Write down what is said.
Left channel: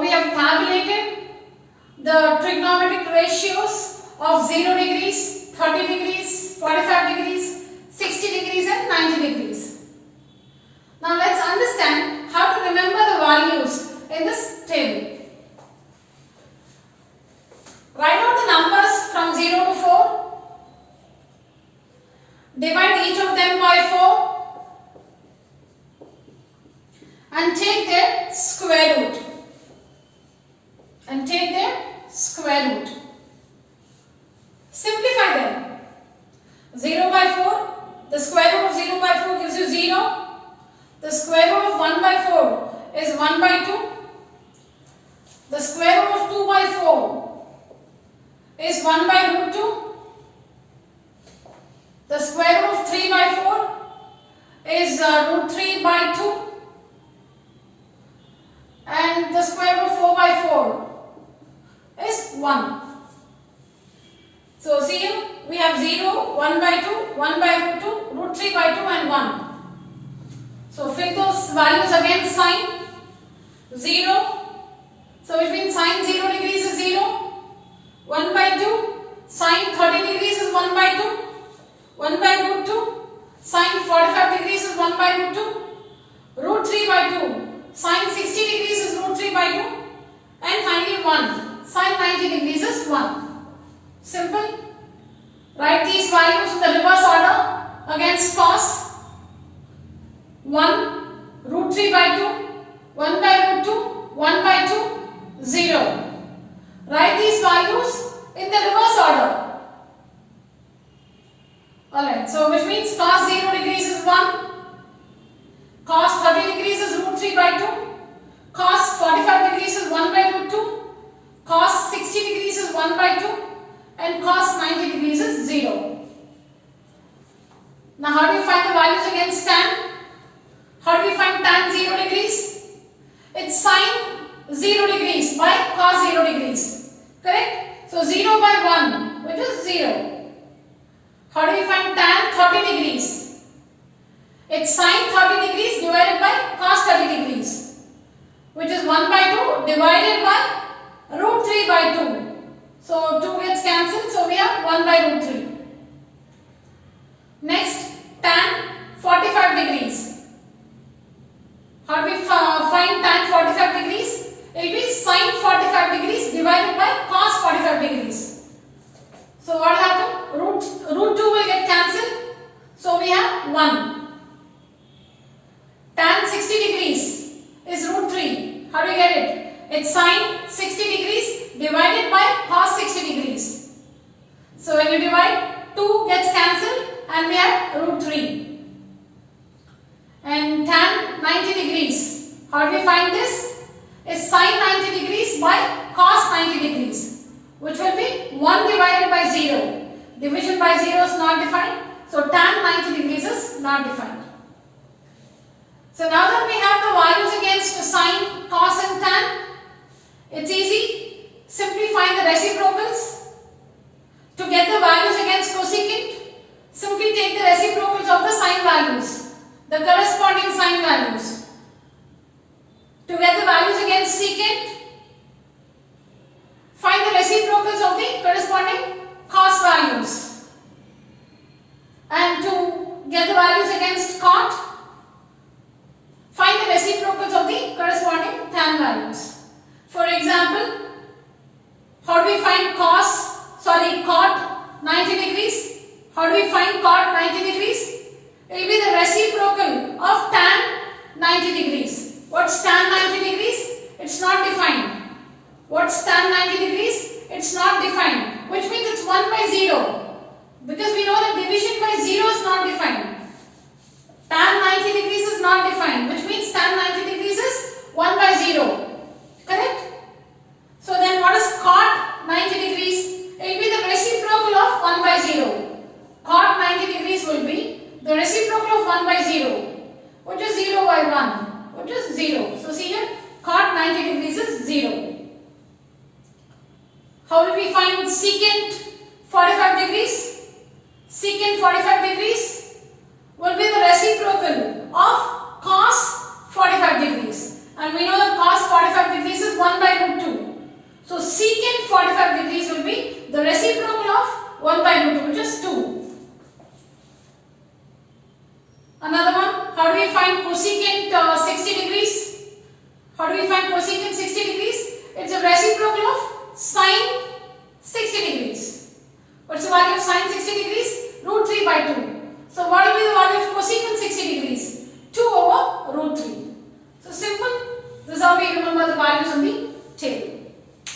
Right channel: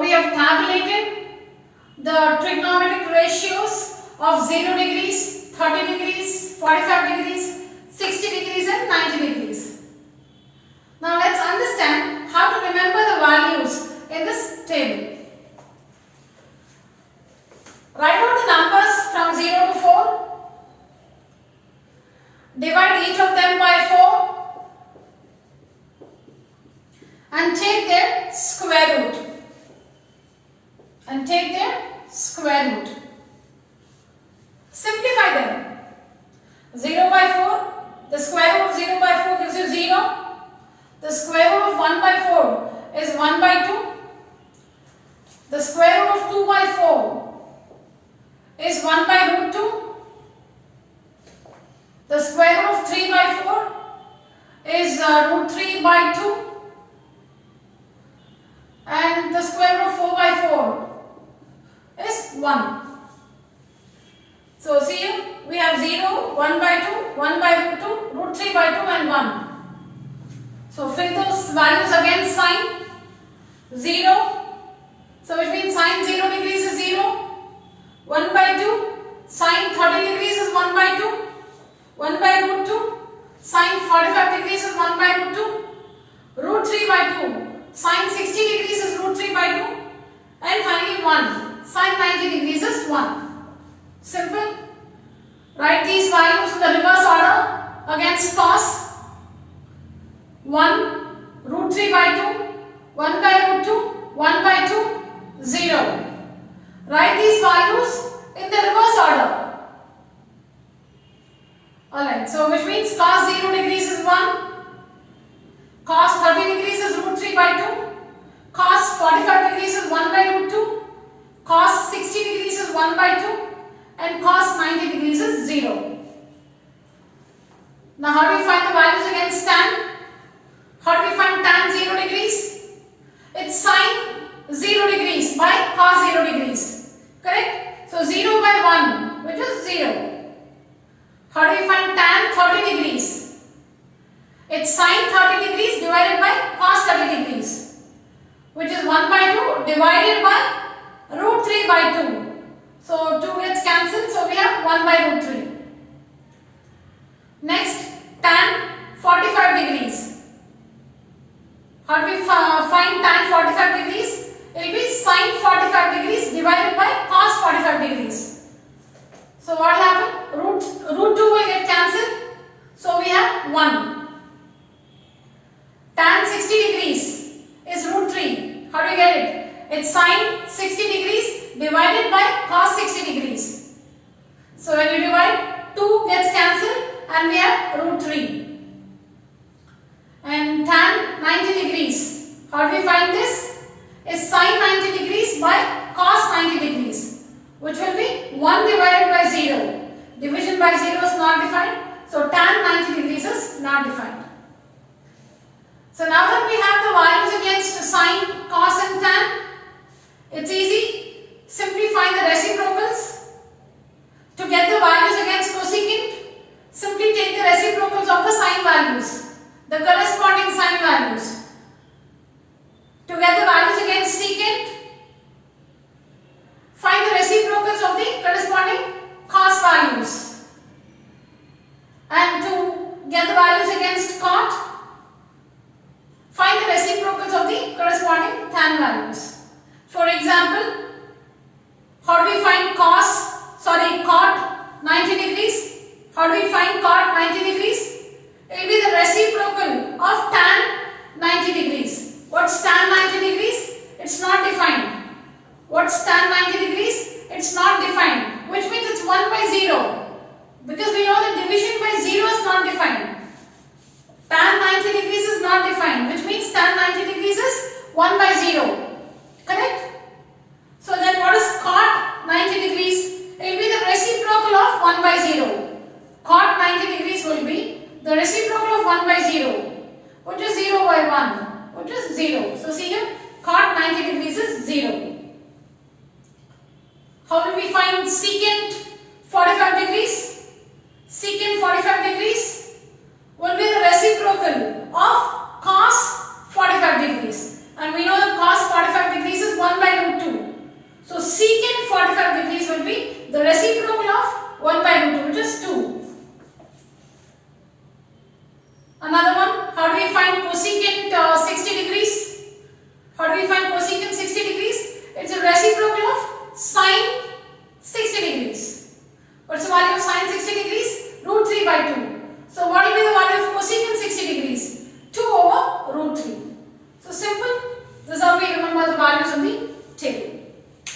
we have tabulated the trigonometric ratios of 0 degrees, 30 degrees, 45 degrees, 60 degrees and 90 degrees. Now let's understand how to remember the values in this table. Write out the numbers from 0 to 4. Divide each of them by 4 and take their square root. Simplify them. 0 by 4, the square root of 0 by 4 gives you 0. The square root of 1 by 4 is 1 by 2. The square root of 2 by 4 is 1 by root 2. The square root of 3 by 4 is root 3 by 2. And the square root of 4 by 4 is 1. So see here, we have 0, 1 by 2, 1 by root 2, root 3 by 2 and 1. So fill those values again, sine 0. So which means sine 0 degrees is 0. 1 by 2, sine 30 degrees is 1 by 2. 1 by root 2, sine 45 degrees is 1 by root 2. Root 3 by 2, sine 60 degrees is root 3 by 2. And finally 1, sine 90 degrees is 1. Simple. Write these values in the reverse order against cos. 1, root 3 by 2, 1 by root 2, 1 by 2, 0. Write these values in the reverse order. Alright, so which means cos 0 degrees is 1, cos 30 degrees is root 3 by 2, cos 45 degrees is 1 by root 2, cos 60 degrees is 1 by 2, and cos 90 degrees is 0. Now how do you find the values against tan? How do we find tan 0 degrees? It's sine 0 degrees by cos 0 degrees. Correct? So 0 by 1, which is 0. How do we find tan 30 degrees? It's sine 30 degrees divided by cos 30 degrees, which is 1 by 2 divided by root 3 by 2. So 2 gets cancelled, so we have 1 by root 3. Next, tan 45 degrees. How do we find tan 45 degrees? It will be sine 45 degrees divided by cos 45 degrees. So what will happen? Root 2 will get cancelled. So we have 1. Tan 60 degrees is root 3. How do we get it? It's sine 60 degrees divided by cos 60 degrees. So when you divide, 2 gets cancelled and we have root 3. And tan 90 degrees. How do we find this? Is sine 90 degrees by cos 90 degrees, which will be 1 divided by 0. Division by 0 is not defined. So tan 90 degrees is not defined. So now that we have the values against sine, cos and tan, it's easy. Simply find the reciprocals. To get the values against cosecant, simply take the reciprocals of the sine values, the corresponding sine values. To get the values against secant, find the reciprocals of the corresponding cos values. And to get the values against cot, find the reciprocals of the corresponding tan values. For example, how do we find cot 90 degrees? How do we find cot 90 degrees? It will be the reciprocal of tan 90 degrees. What's tan 90 degrees? It's not defined. What's tan 90 degrees? It's not defined. Which means it's 1 by 0. Because we know that division by 0 is not defined. Tan 90 degrees is not defined. Which means tan 90 degrees is 1 by 0. Correct? So then what is cot 90 degrees? It will be the reciprocal of 1 by 0. Cot 90 degrees will be the reciprocal of 1 by 0. Which is 0 by 1. Which is 0. So see here, cot 90 degrees is 0. How will we find secant 45 degrees? Secant 45 degrees will be the reciprocal of cos 45 degrees. And we know that cos 45 degrees is 1 by root 2, which is 2. Another one, how do we find cosecant 60 degrees? How do we find cosecant 60 degrees? It's a reciprocal of sine